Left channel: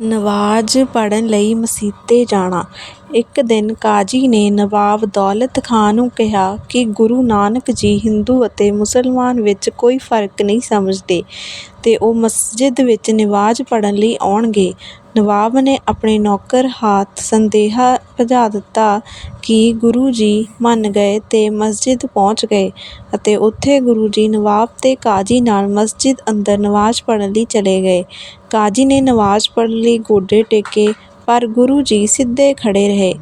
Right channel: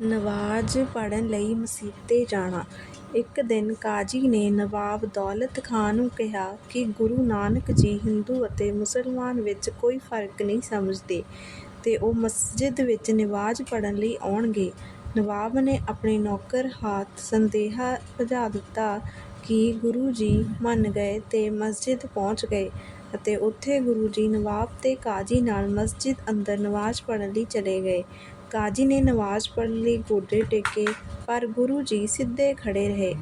ਨਮਾਜ਼ ਪੜ੍ਹਨ ਲਈ ਮਸੀਤੇ ਜਾਣਾ। ਇੱਕ ਦਿਨ ਕਾਜ਼ੀ ਨੇ ਨਵਾਬ ਦੌਲਤ ਖਾਂ ਨੂੰ ਕਿਹਾ ਕਿ ਗੁਰੂ ਨਾਨਕ ਜੀ ਹਿੰਦੂ ਅਤੇ ਮੁਸਲਮਾਨ ਵਿੱਚ ਕੋਈ ਫ਼ਰਕ ਨਹੀਂ ਸਮਝਦੇ ਤੇ ਉਹ ਮਸਜਿਦ ਵਿੱਚ ਨਮਾਜ਼ ਪੜ੍ਹਨ ਲਈ ਆਉਣਗੇ। ਨਵਾਬ ਨੇ ਆਪਣੇ ਨੌਕਰ ਹਾਥ ਸੰਦੇਹਾ ਭਜਾ ਦਿੱਤਾ ਕਿ ਗੁਰੂ ਜੀ ਮੰਨ ਗਏ ਤੇ ਮਸਜਿਦ ਪਹੁੰਚ ਗਏ ਅਤੇ ਉੱਥੇ ਗੁਰੂ ਜੀ ਨਵਾਬ ਤੇ ਕਾਜ਼ੀ ਨਾਲ ਮਸਜਿਦ ਅੰਦਰ ਨਮਾਜ਼ ਪੜ੍ਹਨ ਲਈ ਚਲੇ ਗਏ। ਕਾਜ਼ੀ ਨੇ ਨਮਾਜ਼ ਪੜ੍ਹਨ ਲਈ ਗੋਡੇ ਟੇਕੇ ਪਰ ਗੁਰੂ ਜੀ ਸਿੱਧੇ ਖੜ੍ਹੇ ਰਹੇ।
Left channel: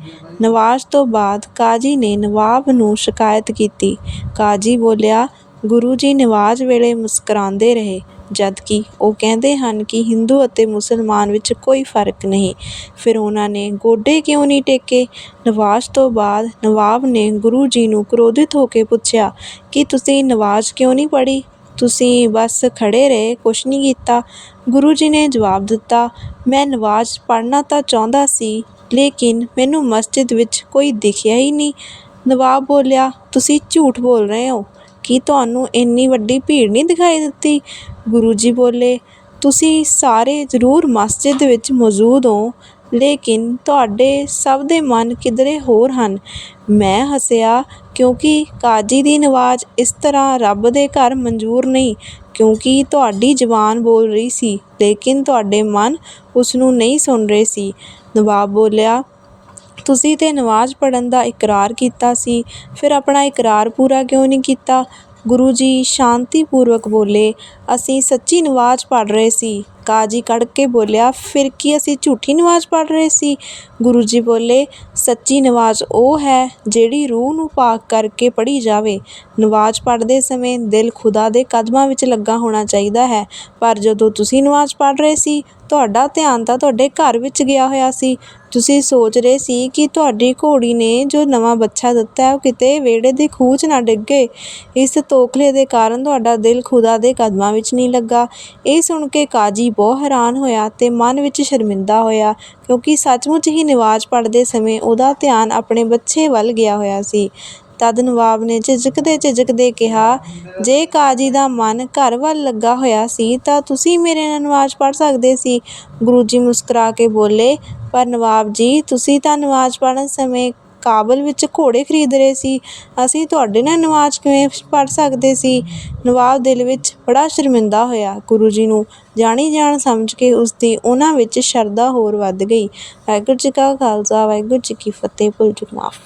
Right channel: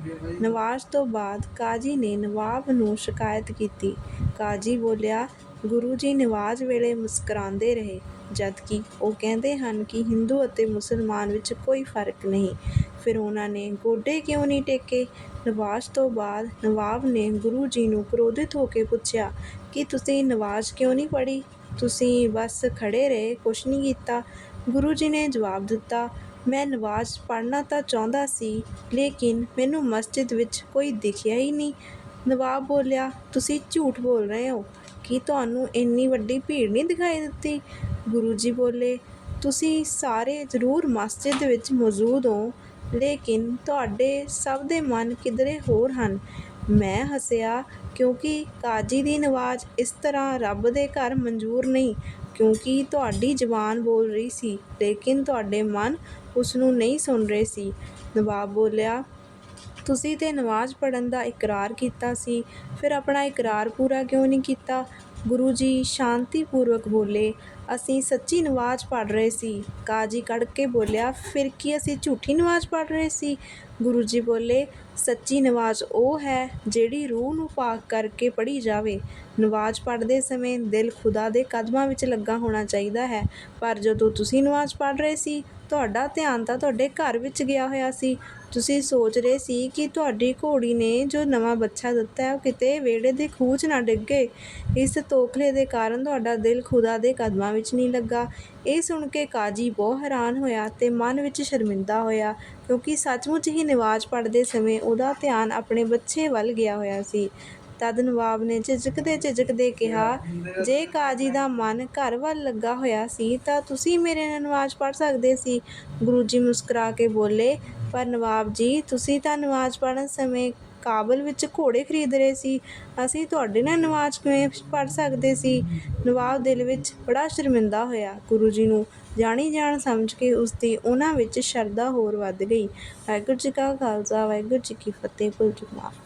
ਨਮਾਜ਼ ਤੋਂ ਬਾਅਦ ਕਾਜ਼ੀ ਨੇ ਨਵਾਬ ਨੂੰ ਸ਼ਿਕਾਇਤ ਕੀਤੀ। ਕਾਜ਼ੀ ਬੋਲਿਆ, ਗੁਰੂ ਜੀ ਨਵਾਜ਼ ਵੇਲੇ ਮੁਸਕਰਾਉਂਦੇ ਰਹੇ, ਜਦਕਿ ਉਹ ਕਹਿੰਦੇ ਹਨ ਕਿ ਹਿੰਦੂ ਅਤੇ ਮੁਸਲਮਾਨ ਵਿੱਚ ਕੋਈ ਫ਼ਰਕ ਨਹੀਂ, ਫਿਰ ਉਹਨਾਂ ਨੇ ਗੋਡੇ ਕਿਉਂ ਨਹੀਂ ਟੇਕੇ। ਨਵਾਜ਼ ਤੋਂ ਬਾਅਦ ਨਵਾਬ ਨੇ ਗੁਰੂ ਜੀ ਨੂੰ ਕ੍ਰੋਧਿਤ ਹੋ ਕੇ ਪੁੱਛਿਆ ਕਿ ਤੁਸੀਂ ਨਮਾਜ਼ ਕਿਉਂ ਨਹੀਂ ਪੜ੍ਹੀ, ਤੁਸੀਂ ਬੱਸ ਖੜ੍ਹੇ ਰਹੇ, ਕੁਝ ਨਹੀਂ ਕੀਤਾ। ਗੁਰੂ ਜੀ ਨੇ ਜਵਾਬ ਦਿੱਤਾ, ਮੈਂ ਨਵਾਜ਼ ਪੜ੍ਹਨਾ ਤਾਂ ਚਾਹੁੰਦਾ ਸੀ, ਲੇਕਿਨ ਮੈਨੂੰ ਮਸਜਿਦ ਵਿੱਚ ਕੋਈ ਦਿਖਿਆ ਹੀ ਨਹੀਂ। ਨਵਾਬ ਬੋਲਿਆ, ਤੁਸੀਂ ਝੂਠ ਬੋਲ ਰਹੇ ਹੋ, ਕੀ ਤੁਹਾਨੂੰ ਇੰਨੀ ਵੱਡੀ ਭੀੜ ਨਹੀਂ ਦਿਖਾਈ ਦਿੱਤੀ। ਗੁਰੂ ਜੀ ਬੋਲੇ, ਤੁਸੀਂ ਸਾਰੇ ਜ਼ਰੂਰ ਮਸਜਿਦ ਵਿੱਚ ਮੌਜੂਦ ਹੋ, ਲੇਕਿਨ ਤੁਹਾਡੇ ਸਭ ਦੇ ਮਨ ਕਿਧਰੇ ਹੋਰ ਹਨ। ਮੈਂ ਹੱਸਿਆ, ਕਿਉਂਕਿ ਕਾਜ਼ੀ ਦੀ ਨਵਾਜ਼ ਇਸ ਤਰ੍ਹਾਂ ਰੱਬ ਦੇ ਘਰ ਮਨਜ਼ੂਰ ਨਹੀਂ, ਕਿਉਂਕਿ ਤੁਹਾਡੀ ਜ਼ਬਾਨ ਬੋਲ ਰਹੀ ਸੀ, ਲੇਕਿਨ ਤੁਹਾਡੇ ਮਨ ਉਸ ਨੂੰ ਨਹੀਂ ਸੁਣ ਰਹੇ ਸੀ। ਨਵਾਬ ਬੋਲਿਆ, ਤੁਸੀਂ ਤੇ ਨਮਾਜ਼ ਪੜ੍ਹਨ ਦਾ ਇਕਰਾਰ ਕੀਤਾ ਸੀ, ਫਿਰ ਆਪਣਾ ਇਕਰਾਰ ਪੂਰਾ ਕਿਉਂ ਨਹੀਂ ਕੀਤਾ। ਗੁਰੂ ਜੀ ਸ਼ਾਂਤੀਪੂਰਵਕ ਬੋਲੇ, ਅਸੀਂ ਸੱਚੀ ਨਵਾਜ਼ ਪੜ੍ਹ ਰਹੇ ਸੀ। ਕਾਜ਼ੀ ਕੜਕ ਕੇ ਬੋਲਿਆ, ਫਿਰ ਕੀ ਅਸੀਂ ਝੂਠੀ ਨਵਾਜ਼ ਪੜ੍ਹ ਰਹੇ ਸੀ। ਗੁਰੂ ਜੀ ਬੋਲੇ, ਸੱਚੀ ਨਵਾਜ਼ ਉਹ ਹੈ, ਜਿਹੜੀ ਰੂਹ ਨੂੰ ਪਾਕ ਕਰਕੇ ਪੜ੍ਹੀ ਜਾਵੇ। ਨਮਾਜ਼ ਪੜ੍ਹਦੇ ਸਮੇਂ ਦਿਲ ਖ਼ੁਦਾ ਦੇ ਕਦਮਾਂ ਵਿੱਚ ਲੱਗਾ ਹੋਣਾ ਚਾਹੀਦਾ ਹੈ, ਪਰ ਜਦੋਂ ਤੁਸੀਂ ਨਮਾਜ਼ ਪੜ੍ਹ ਰਹੇ ਸੀ, ਤੁਹਾਡਾ ਧਿਆਨ ਤਾਂ ਤੁਹਾਡੇ ਘਰ ਵਿੱਚ ਗਿਆ ਹੋਇਆ ਸੀ। ਤੁਸੀਂ ਸੋਚ ਰਹੇ ਸੀ ਕਿ ਤੁਹਾਡੀ ਘੋੜੀ ਨੇ ਜੋ ਨਵਾਂ ਬੱਚਾ ਦਿੱਤਾ ਉਹ ਕਿਤੇ ਵਿਹੜੇ ਦੇ ਖੂਹ 'ਚ ਨਾ ਡਿੱਗੇ। ਇਸ ਤੌਖਲੇ ਦੇ ਕਾਰਨ ਤੁਹਾਡਾ ਦਿਲ ਖ਼ੁਦਾ ਦੇ ਕਦਮਾਂ ਵਿੱਚ ਨਹੀਂ ਲੱਗਾ। ਇਹ ਸੁਣ ਕੇ ਕਾਜ਼ੀ ਬਹੁਤ ਹੈਰਾਨ ਹੋਇਆ ਤੇ ਮਨ ਵਿੱਚ ਸ਼ਰਮਿੰਦਾ ਹੋਇਆ, ਕਿਉਂਕਿ ਸੱਚਮੁੱਚ ਹੀ ਨਮਾਜ਼ ਪੜ੍ਹਦੇ ਸਮੇਂ ਉਹਦਾ ਧਿਆਨ ਆਪਣੇ ਬੱਚੇ ਵੱਲ ਗਿਆ ਹੋਇਆ ਸੀ। ਤਦ ਨਵਾਬ ਨੇ ਝਿਜਕਦੇ-ਝਿਜਕਦੇ ਕਿਹਾ, ਜੇ ਕਾਜ਼ੀ ਦਾ ਮਨ ਘਰ ਵੱਲ ਲੱਗਾ ਹੋਇਆ ਸੀ ਤਾਂ ਤੁਸੀਂ ਮੇਰੇ ਨਾਲ ਨਮਾਜ਼ ਪੜ੍ਹ ਸਕਦੇ ਸੀ। ਗੁਰੂ ਜੀ ਮੁਸਕਰਾ ਕੇ ਬੋਲੇ, ਪਰ ਨਵਾਬ ਜੀ, ਤੁਸੀਂ ਤਾਂ ਨਮਾਜ਼ ਪੜ੍ਹਨ ਸਮੇਂ ਕਾਬਲ ਵਿੱਚ ਘੋੜੇ ਖਰੀਦ ਰਹੇ ਸੀ, ਅਸੀਂ ਤੁਹਾਡੇ ਨਾਲ ਨਮਾਜ਼ ਕਿਵੇਂ ਪੜ੍ਹ ਸਕਦੇ ਸੀ। ਨਵਾਬ ਦਿਲ ਵਿੱਚ ਬੜਾ ਸ਼ਰਮਿੰਦਾ ਹੋਇਆ। ਗੁਰੂ ਜੀ ਨੂੰ ਜਾਣੀ ਜਾਣ ਸਮਝ ਕੇ ਉਸ ਦੀ ਉਨ੍ਹਾਂ ਵਿੱਚ ਸ਼ਰਧਾ ਹੋਰ ਵਧ ਗਈ। ਵਾਹਿਗੁਰੂ ਜੀ ਕਾ ਖਾਲਸਾ ਵਾਹਿਗੁਰੂ ਜੀ ਕੀ ਫਤਿਹ। ਭੁੱਲ ਚੁੱਕ ਮਾਫ਼।